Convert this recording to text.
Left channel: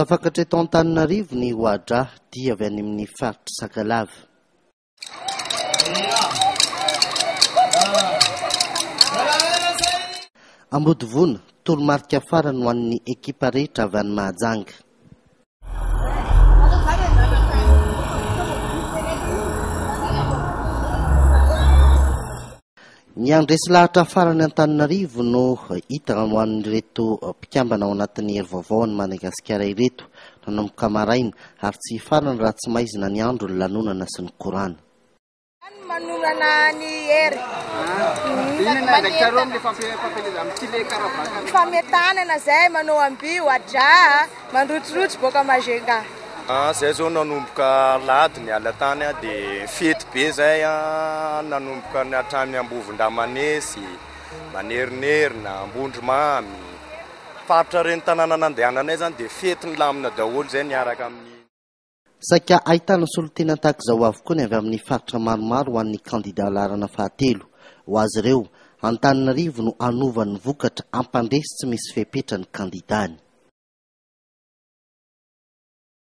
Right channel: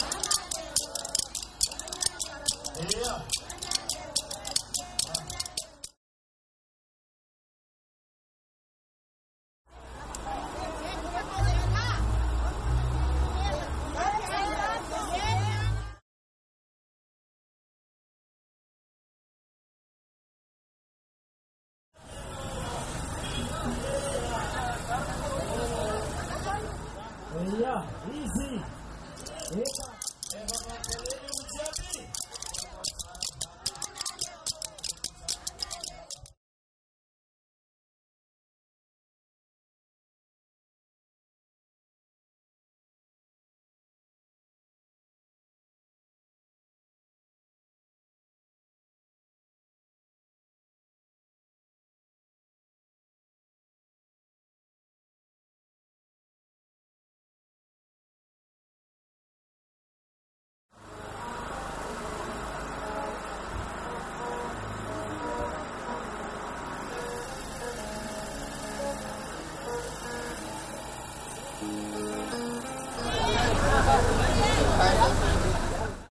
Safakatra eto Antananarivo ny hoadra dia avy any amin'ny faritra Sakalava. Ambodivona, toromarika farany ho an'ny ekipa rehetra avy any Mahajanga. Ny andresy lahatra farany Antananarivo no hita ho an'ireto mpikambana ao anatin'ny hery vaovao ny Madagasikara ireto nanomboka maraina ary tsy farany raha tsy maizina ny andro ny lanonana sy ny korana. Manonana ny hery. Fametanana zay manao ambio adra mandrotsirotsy boka Mazenga. Zay zao nanomboka lady ny alatany dia fety be zay nanomboka ny hatrany Ambovondramanesy, Manerinerina, Ambondromamy. Faritra reny tanàna nandehananay zany dia fety ny lamina daholo zay niaraka amin'ny. Saika ahitana solotena tahaka izao avokoa ny avy amin'ny faritra maromaro ho an'ny candidat larana fahatelo. Ho azy ireo, Antananarivo no anovany vokatra ampandresy tsy misy fepetra ny candidat.